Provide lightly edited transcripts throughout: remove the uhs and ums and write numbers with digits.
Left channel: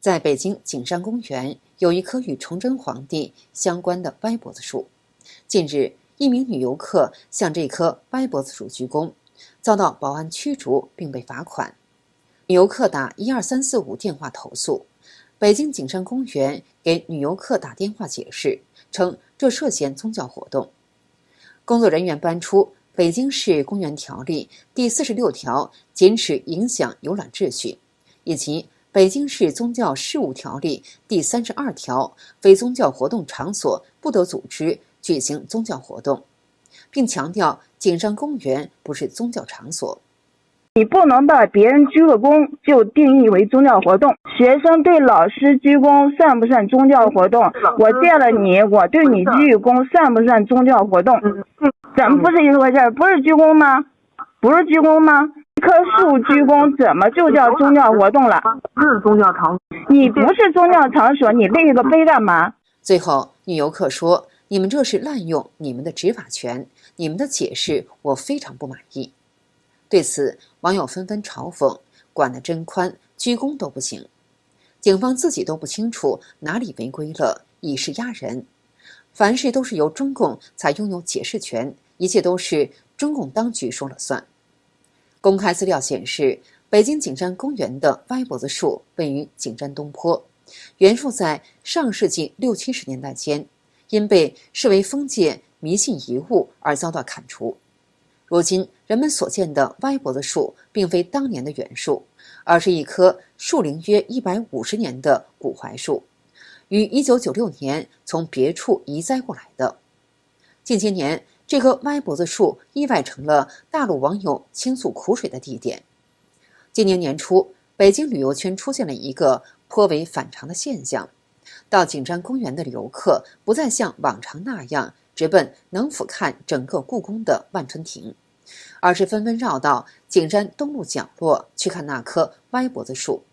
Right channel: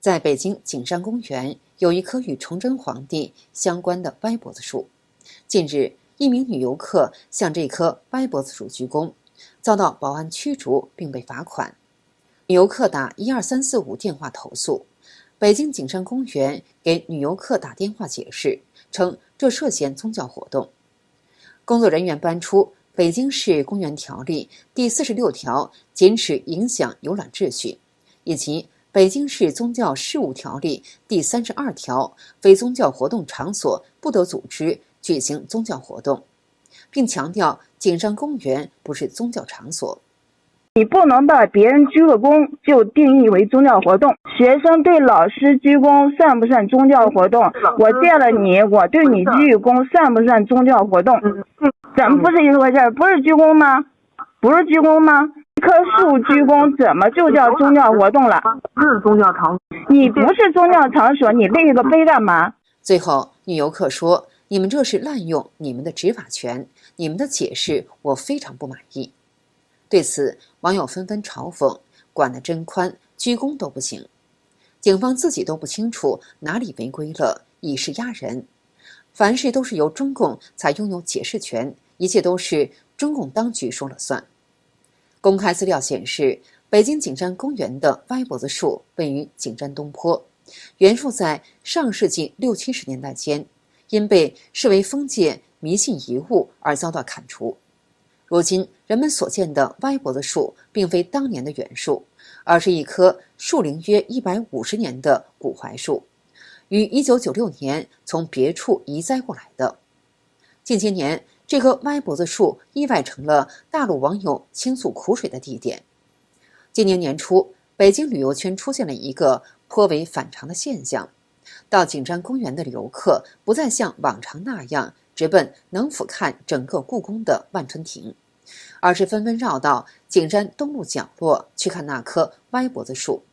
在北京景山公園有一棵與崇禎皇帝相關的歪脖子樹。近日，一名女遊客向這棵歪脖子樹鞠躬，遭到保安驅逐並被罰款。女遊客打12345電話投訴，北京景山公園給女遊客打電話解釋，稱這涉嫌宗教活動。工作人員搬出《北京市公園條例》第46條禁止影響遊覽秩序，以及北京市宗教事務條例第32條非宗教活動场所不得組織舉行宗教活動，並強調景山公園不是宗教場所。你不能把別人鞠個躬就定義為宗教活動。學生對老師鞠躬算不算宗教活動？我見了你，我對你鞠躬算不算宗教活動？怎麼不是一回事？不是鞠躬嗎？不是鞠躬嗎？一棵樹鞠躬怎麼就叫宗教活動了？不是宗教場所，你不是宗教場所，你立個碑幹嘛？最後，女游客說：“你們這是濫用你們的執法權，你們的解釋我非常不滿意。”對此，網友紛紛嘲諷：“管得真寬，鞠躬都不行。警方自己都不清楚哪裡違規了，以勢壓人。凡事都是由中共才擁有解釋權，一切都是中共當局說了算。”公開資料顯示，北京景山公園的歪脖子樹位於景山東坡，原樹在上世紀60、70年代間，因被視為封建迷信遺物而遭到砍除。如今，人們所見的歪脖子樹並非當年的原樹，而是一棵樹齡約150年的古槐樹，於1996年從別處移栽過來的。近些年，這棵歪脖子樹意外成了大陸網友傾訴苦水的地點。今年年初，北京旅遊圈出現了一個頗為反常的現象：到景山公園的遊客不再像往常那樣直奔能俯瞰整個故宮的萬春亭，而是紛紛繞到景山東路角落去看那棵歪脖子樹。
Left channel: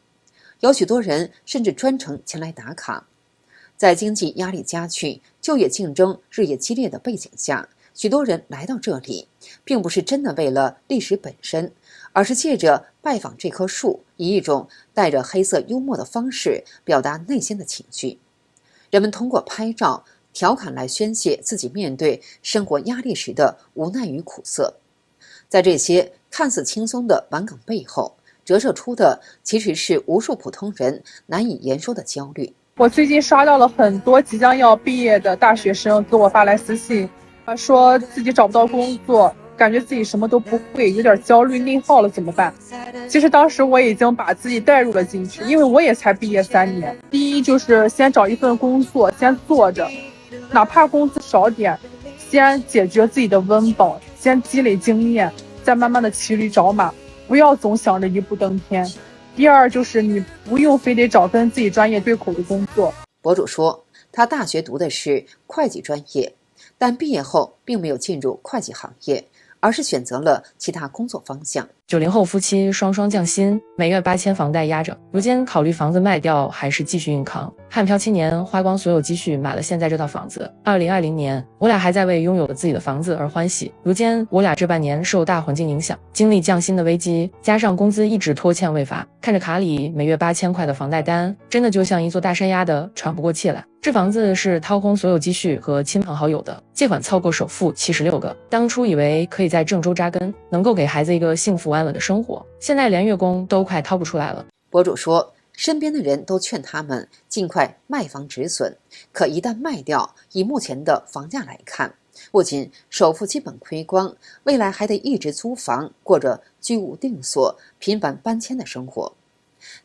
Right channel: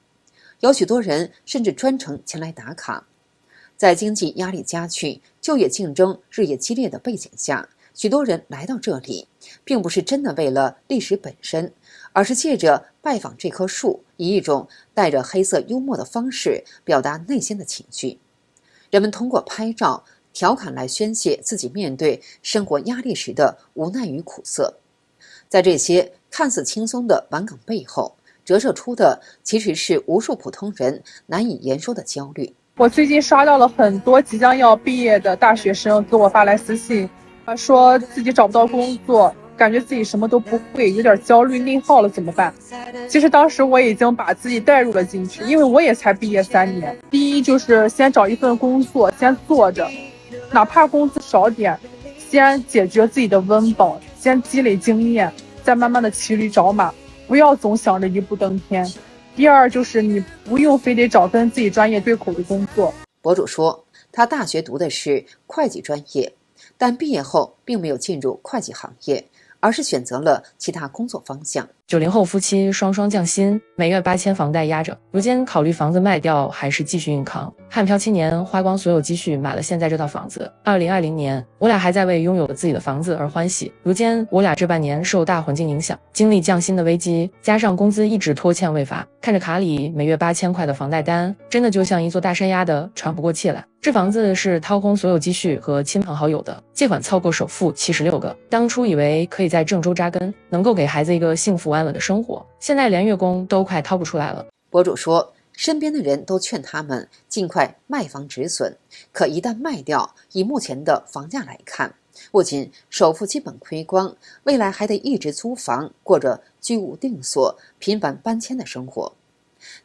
有許多人甚至專程前來打卡。在經濟壓力加劇、就業競爭日益激烈的背景下，許多人來到這裡，並不是真的為了歷史本身，而是借着拜訪這棵樹，以一種帶着黑色幽默的方式表達內心的情緒。人們通過拍照、調侃來宣洩自己面對生活壓力時的無奈與苦澀。在這些看似輕鬆的玩梗背後，折射出的其實是無數普通人難以言說的焦慮。我最近刷到了很多即將要畢業的大學生給我發來私信，說自己找不到工作，感覺自己什麼都不會，有點焦慮內耗了，怎麼辦？其實當時我已經把自己帶入了進去，因為我也才畢業3年。第一就是先找一份工作，先做着，哪怕工資少點，先解決自己的溫饱，先積累經驗，再慢慢的骑驢找馬，不要總想着一步登天。第二就是你不用非得找跟自己专業对口的工作。博主说，他大学讀的是會計專業，但畢業後並沒有進入會計行業，而是選擇了其他工作方向。90後夫妻雙雙降薪，每月8000房貸壓着，如今考慮房子賣掉還是繼續硬扛。漢漂7年，花光所有積蓄買了現在這套房子。2020年，我倆還在為擁有了自己的房子而歡喜。如今我倆這半年受大環境影響，經歷降薪的危機，加上工資一直拖欠未發，看着卡裡每月8000塊的房貸單，真的就像一座大山壓得喘不過氣來。這房子是掏空所有積蓄和親朋好友的，借款湊夠首付76個。當初以為可以在鄭州扎根，能夠給孩子一個幸福安穩的生活，現在連月供都快掏不出來了。博主說，身邊的人都勸他們盡快賣房止損，可一旦賣掉，以目前的房價來看，不僅首付基本虧光，未來還得一直租房，過着居无定所、頻繁搬遷的生活。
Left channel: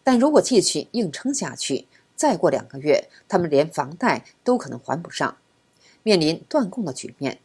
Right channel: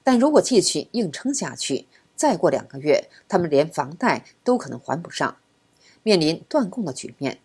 但如果繼續硬撐下去，再過2個月，他們連房貸都可能還不上，面臨斷供的局面。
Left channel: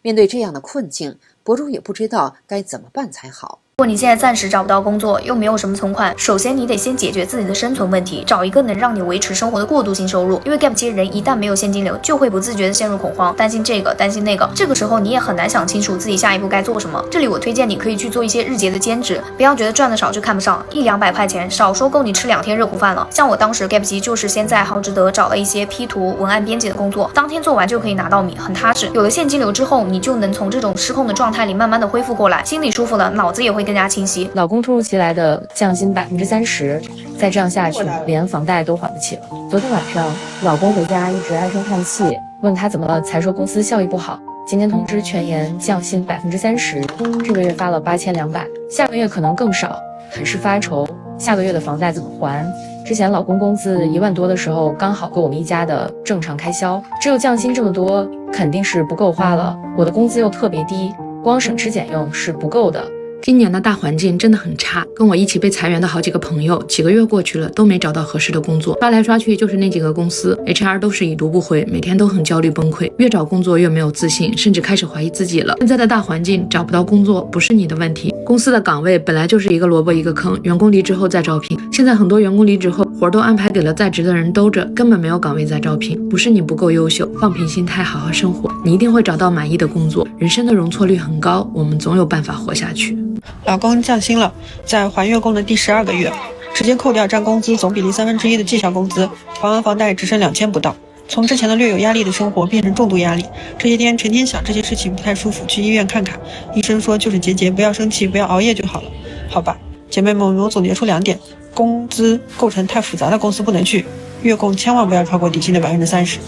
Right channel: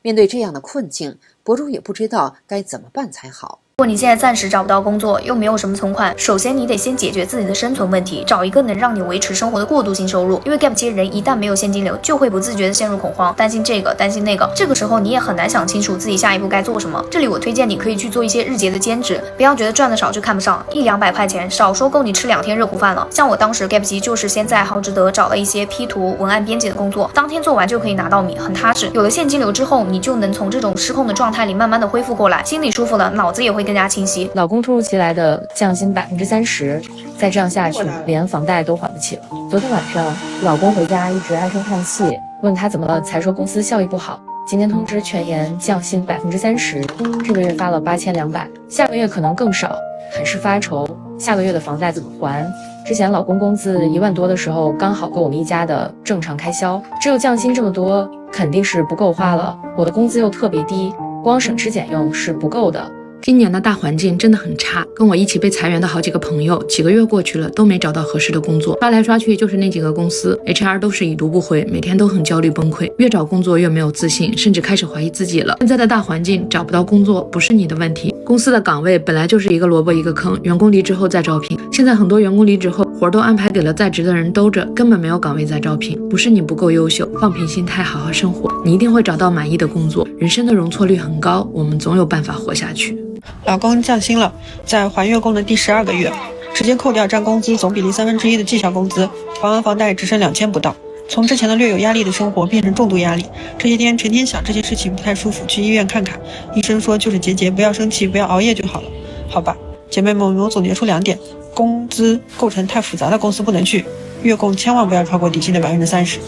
面對這樣的困境，博主也不知道該怎麼辦才好。如果你現在暫時找不到工作，又沒有什麼存款，首先你得先解決自己的生存問題，找一個能讓你維持生活的過渡性收入。因為 gap 期人一旦没有現金流，就會不自覺的陷入恐慌，擔心這個擔心那個，這個時候你也很難想清楚自己下一步該做什麼。這裡我推薦你可以去做一些日結的兼職，不要覺得賺的少就看不上，100-200塊錢少說夠你吃2天熱乎飯了。像我當時 gap 期就是先在好值得找了一些 P 圖文案編輯的工作，當天做完就可以拿到米，很踏實。有了現金流之後，你就能從這種失控的狀態裡慢慢的恢復過來，心裡舒服了，腦子也會更加清晰。老公突如其来的降薪30%，再这樣下去，連房貸都還不起了。昨天晚上，老公回家一直唉聲嘆氣，問他怎麼了，才說公司效益不好。今天通知全員降薪30%，這個月發了8200，下個月可能更少，很是發愁。下個月的房貸怎麼還？之前老公工資1萬多的時候，剛好夠我們一家的正常開銷，只有降薪這麼多，肯定是不夠花了。我的工資又特別低，光省吃儉用是不夠的。今年的大環境真的很差，跟我一起被裁員的好幾個朋友，幾個月過去了都沒找到合適的工作，刷來刷去就是那幾個公司 ，HR 都是已讀不回，每天都很焦慮崩潰，越找工作越沒有自信，甚至開始懷疑自己了。現在的大環境找不到工作不是你的問題，公司的崗位本來就是一個蘿蔔一個坑，員工離職後再招聘，現在很多員工離職後活都安排給了在職的人兜着，根本沒有崗位在招聘，不是你不夠優秀，放平心態好好生活，你一定會找到滿意的工作。人生的容錯率很高，我們總有辦法活下去。老公降薪了，在还月供的第12個月，直接扣掉占工資總比例1/3的績效工資，還完房貸只剩2000不到。從之前的略有壓力的生活變成重度壓力，這些天成天想這些事情不太舒服，去醫院看看，醫生說就是結，不要生氣，不要熬夜就好了。好吧，姐妹們，我總結出2點：工資構成太複雜的公司不能去，月供千萬不要超過底薪的30%。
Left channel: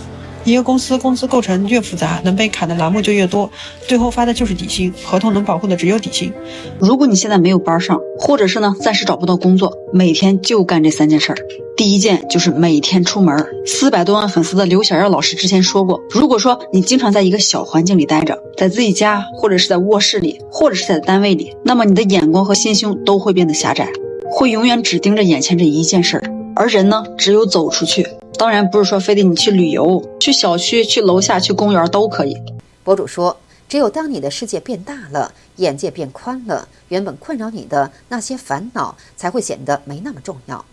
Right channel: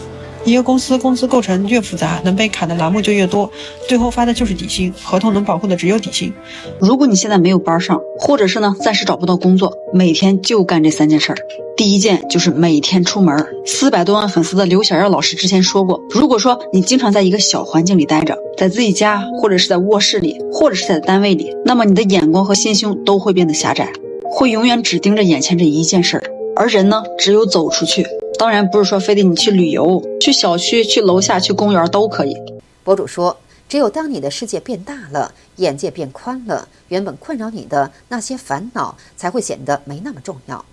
一個公司工資構成越複雜，能被砍的欄目就越多，最後發的就是底薪，合同能保護的只有底薪。如果你現在沒有班上，或者是暫時找不到工作，每天就幹這3件事兒。第一件就是每天出門。400多萬粉絲的劉小耀老師之前說過，如果說你經常在一個小環境裡待着，在自己家，或者是在臥室裡，或者是在單位裡，那麼你的眼光和心胸都會變得狹窄，會永遠只盯着眼前這一件事兒。而人呢，只有走出去，當然不是說非得你去旅遊，去小區，去樓下，去公園都可以。博主說，只有當你的世界变大了，眼界變寬了，原本困擾你的那些煩惱才會顯得沒那麼重要，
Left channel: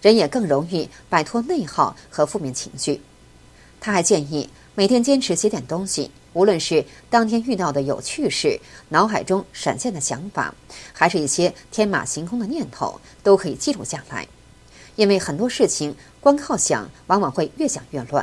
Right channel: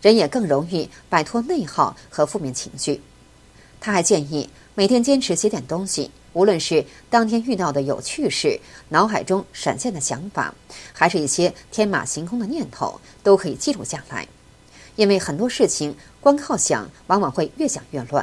人也更容易擺脫內耗和負面情緒。他還建議每天堅持寫點東西，無論是當天遇到的有趣事，腦海中閃現的想法，還是一些天馬行空的念頭，都可以記錄下來。因為很多事情光靠想，往往會越想越亂，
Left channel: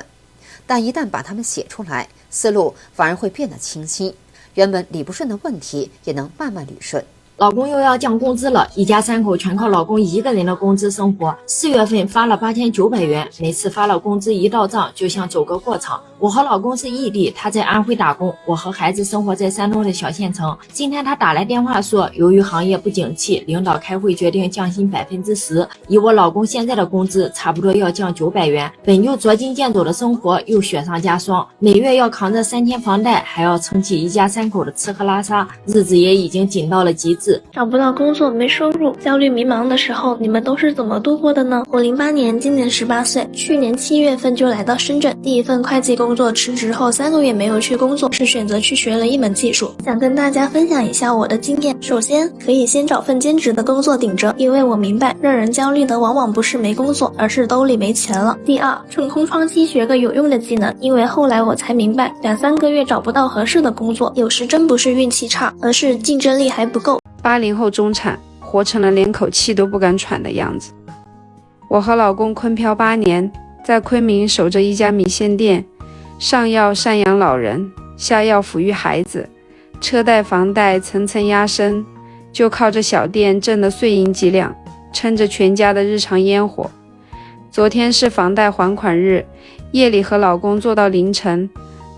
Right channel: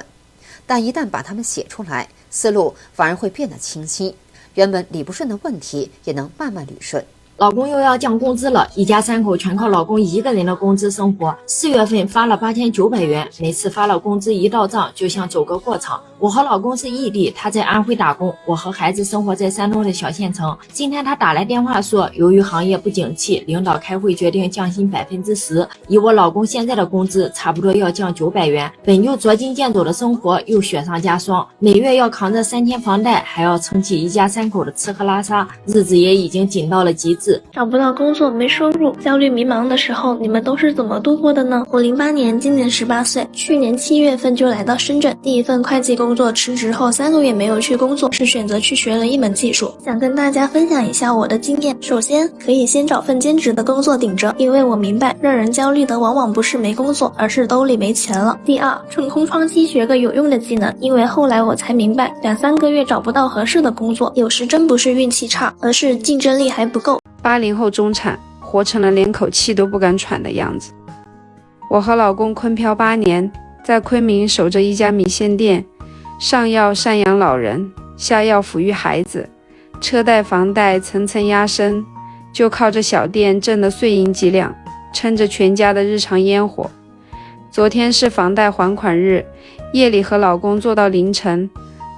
但一旦把它們寫出來，思路反而會變得清晰，原本理不順的問題也能慢慢捋順。老公又要降工資了，一家3口全靠老公一個人的工資生活。4月份發了8900元，每次發了工資一到賬，就像走個過場。我和老公是異地，他在安徽打工，我和孩子生活在山東的小縣城。今天他打來電話說，由於行業不景氣，領導開會決定降薪10%，以我老公現在的工資，差不多要降900元。本就捉襟見肘的生活又雪上加霜，每月要扛着3天房貸，還要撐起一家3口的吃喝拉撒，日子也已經緊到了極致。找不到工作，沒收入，焦慮迷茫的時候，你們都是怎麼度過的呢？我08年，今年18歲，去年7月份就來到深圳，第一份會計工作辭職後3個月沒有去工作，是選擇去學了一門技術。想跟大家分享一下我的經驗。首先，可以先找份兼職的工作頂着，因為我明白，讓人焦慮的往往不是沒工作，而是兜裡沒錢了。第二，趁空窗期學個有用的技能，因為後來我才明白，2-3個月找不到合適的工作，有時真不是運氣差，而是競爭力還不夠。80後中產，活成了連口氣都不敢喘的樣子。我和老公昆漂8年，在昆明守着一家米線店，上要贍養老人，下要撫育孩子，車貸房貸層層壓身，就靠着小店掙的碎銀幾兩，撐着全家的日常煙火。昨天是房貸還款日，夜裡和老公做到凌晨，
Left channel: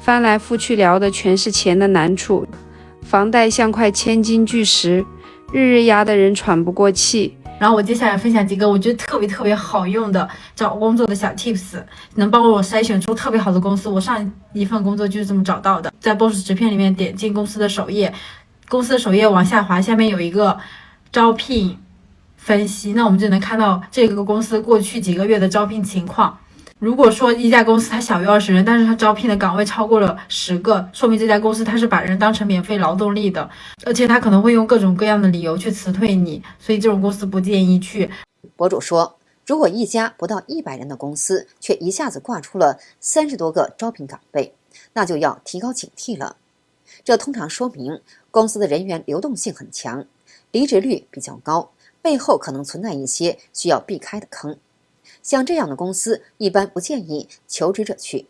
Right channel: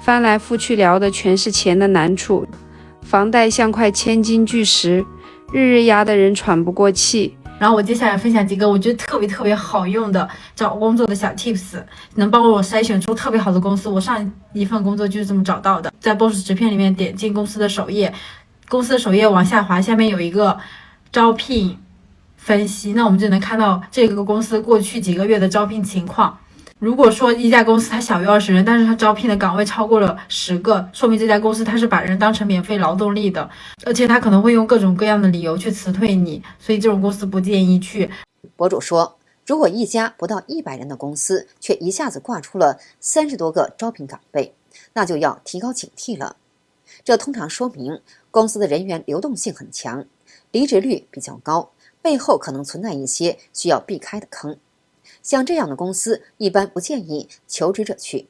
翻來覆去聊的全是錢的難處。房貸像塊千斤巨石，日日壓得人喘不過氣。然後我接下來分享幾個我覺得特別好用的找工作的小 tips， 能幫我篩選出特別好的公司。我上一份工作就是這麼找到的。在 Boss 直片裡面點進公司的首頁，公司的首頁往下滑，下面有一個招聘分析，那我们就能看到這個公司過去幾個月的招聘情況。如果說一家公司它小於20人，但是它招聘的崗位超過了10個，說明這家公司它是把人當成免費勞動力的，而且它可能會用各種各樣的理由去辭退你，所以這種公司不建議去。博主說，如果一家不到100人的公司卻一下子掛出了30多個招聘崗位，那就要提高警惕了。這通常說明公司的人員流動性很強，離職率比較高，背後可能存在一些需要避開的坑。像這樣的公司一般不建議求職者去。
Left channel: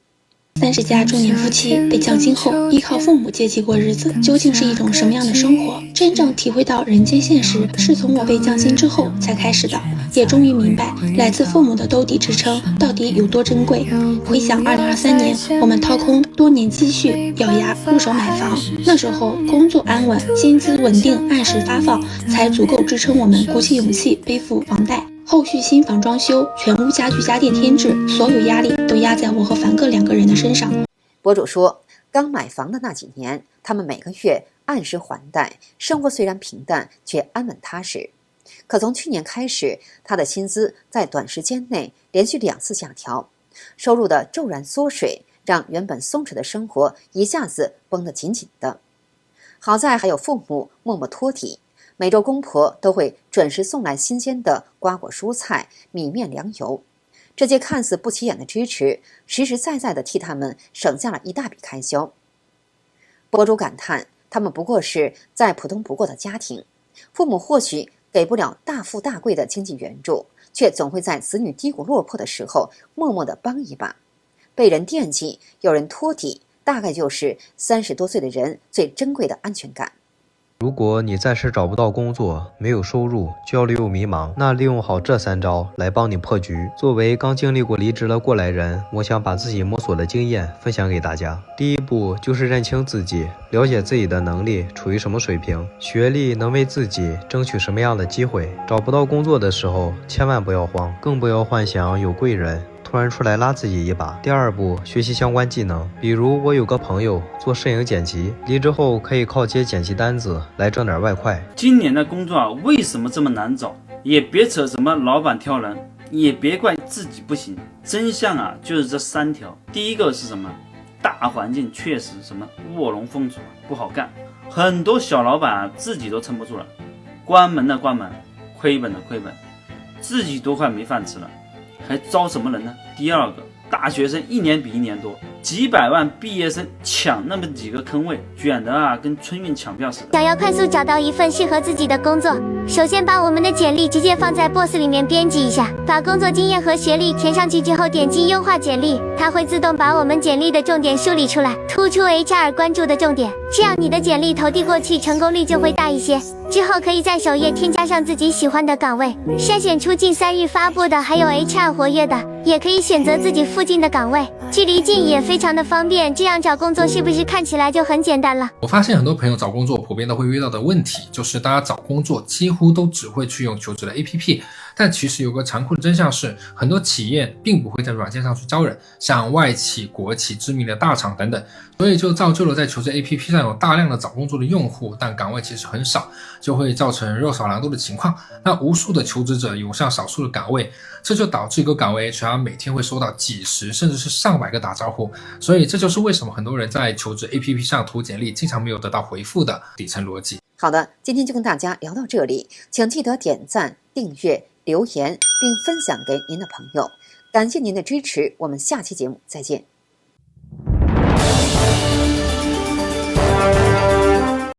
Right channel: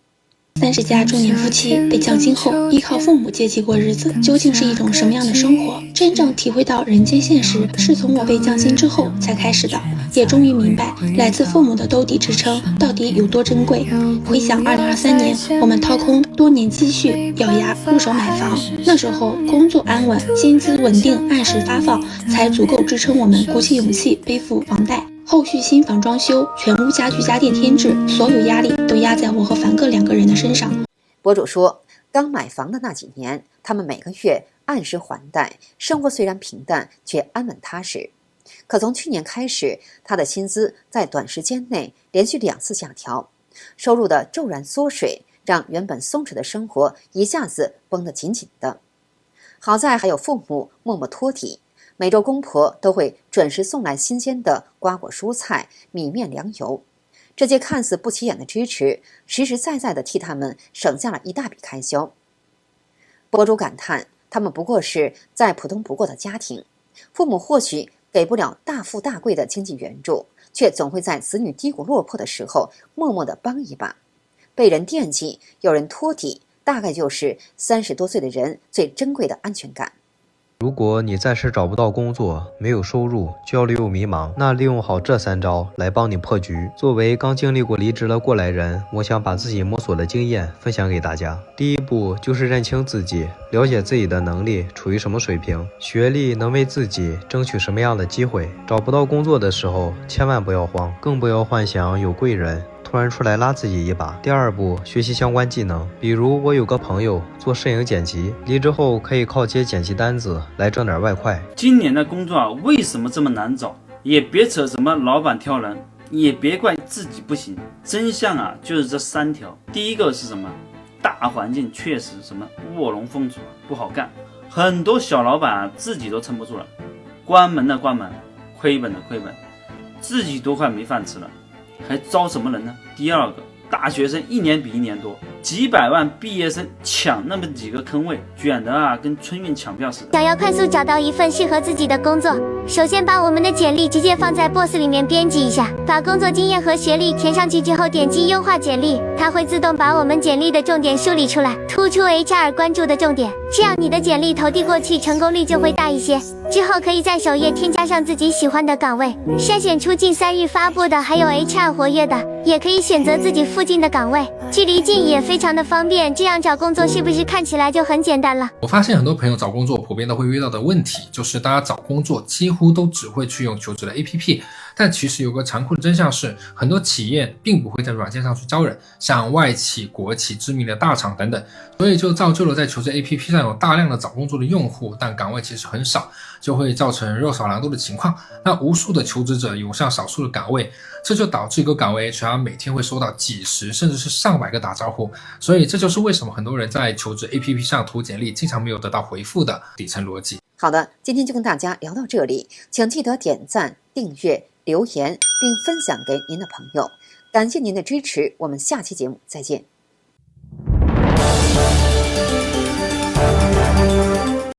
30加中年夫妻被降薪後，依靠父母接济过日子，究竟是一种什么樣的生活？真正體會到人間現實，是從我被降薪之後才開始的，也終於明白來自父母的兜底支撐到底有多珍貴。回想2023年，我們掏空多年積蓄，咬牙入手買房，那時候工作安穩，薪資穩定，按時發放，才足夠支撐我們鼓起勇氣背負房貸。後續新房裝修，全屋家具家電添置，所有壓力都壓在我和凡哥2個人的身上。博主說，剛買房的那幾年，他們每個月按時還貸，生活雖然平淡，卻安穩踏實。可從去年開始，他的薪資在短時間內連續2次下調，收入的驟然縮水，讓原本鬆弛的生活一下子繃得緊緊的。好在還有父母默默托底，每周公婆都會準時送來新鮮的瓜果蔬菜、米麵糧油。這些看似不起眼的支持，實實在在地替他們省下了一大筆開銷。博主感嘆，他們不過是再普通不過的家庭，父母或許給不了大富大貴的經濟援助，卻總會在子女低谷落魄的時候默默地幫一把。被人惦記，有人托底，大概就是30多歲的人最珍貴的安全感。如果你暫時找不到工作，沒有收入，焦慮又迷茫，那利用好這3招來幫你破局。作為剛經歷過離職的過來人，我想把自己摸索的經驗分享給大家。第一步就是認清自己，了解自己的能力處於什麼水平，學歷能為自己爭取什麼樣的機會。找不到工作的時候，千萬不要慌，更不要幻想有貴人突然出來拉自己一把。第二步，學習相關技能，比如我有個朋友做攝影剪輯，離職後可以靠接剪輯單子來掙點外快。今年的工作為什麼這麼難找？也別扯什麼老闆挑人，也別怪自己不行。真相就是這3條。第一個是什麼？大環境確實什麼臥龍鳳雛不好幹，很多小老闆自己都撐不住了，關門的關門，虧本的虧本，自己都快沒飯吃了，還招什麼人呢？第二個，大學生1年比1年多，幾百萬畢業生搶那麼幾個坑位，捲得跟春運搶票似的。想要快速找到一份適合自己的工作，首先把我們的簡歷直接放在 Boss 裡面編輯一下，把工作經驗和學歷填上去之後，點擊優化簡歷，它會自動把我們簡歷的重點梳理出來，突出 HR 關注的重點，這樣你的簡歷投遞過去成功率就會大一些。之後可以在首頁添加上自己喜歡的崗位，篩選出近3日發布的，還有 HR 活躍的，也可以選擇自己附近的崗位，距離近也非常的方便，這樣找工作是不是看起來就很簡單了？我發現很多朋友找工作普遍都會遇到的問題，就是大家找工作幾乎都只會去用求職的 APP， 但其實有個殘酷的真相是，很多企業並不會在軟件上去招人，像外企、國企、知名的大廠等等，所以就造就了在求職 APP 上有大量的找工作的用戶，但崗位其實很少，就會造成肉少郎多的情況。那無數的求職者湧向少數的崗位，這就導致一個崗位 HR 每天會收到幾十甚至是上百個打招呼，所以這就是為什麼很多人在求職 APP 上投簡歷經常沒有得到回復的底層邏輯。好的，今天就跟大家聊到這裡，請記得點讚、訂閱、留言並分享給您的朋友，感謝您的支持，我們下期節目再見。